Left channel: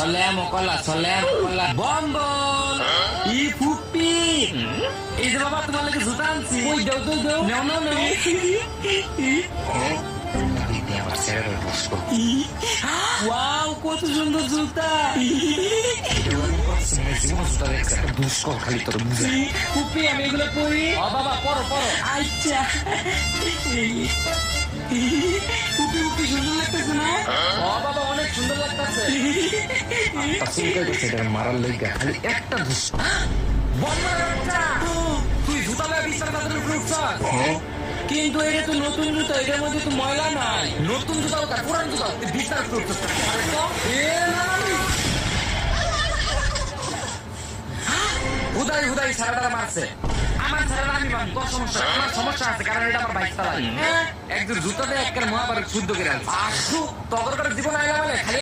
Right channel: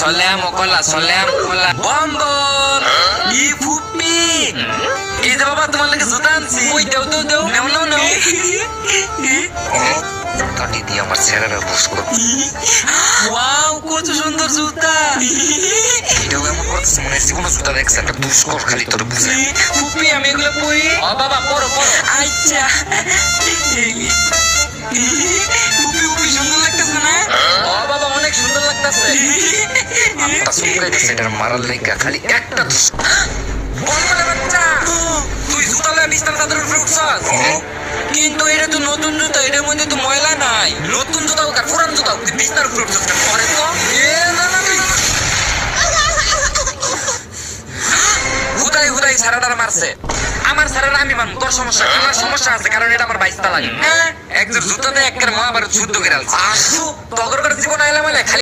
চলে বম্বো ই ফুপি এই যে বাবা তোমার লাগে জুতা আনছি ওই দাও নাও কাটি দিয়ে আমার চেহারা বুঝ করো ওয়াও কত সুন্দর জুতা এটাও এমন করছে মনে হয় জীবনে জুতা দেখছে একটা বুঝ কর খালি তোর বুঝে ফুপি আমি এগুলো পড়ি বাবা পড়ো আচ্ছা ফুপি সুন্দর লাগতেছে না বাবা অনেক সুন্দর লাগতেছে আপনার সুপার এক্সাইটার মারার লেগা খালি একটা বুঝ বম্বের বাচ্চা তুই জুতা লাগে বিছানা চাদর উপর উঠছস কিন্তু এটা তো নতুন জুতা এটার মধ্যে তো ময়লা নাই নতুন জুতা ওটা পুরান জুতা তুই বিছানার উপর উঠছস পরে তো হুদাই সারাদার মারছে আমার সারাদা আমি বান তোর সমস্যা আছে কারণ এটা আমার বাইস্তা লাগে এক জুতা দেয় একটা মহাভারত শুদ্ধ করে আনছে তগর জীবন আইলে মানে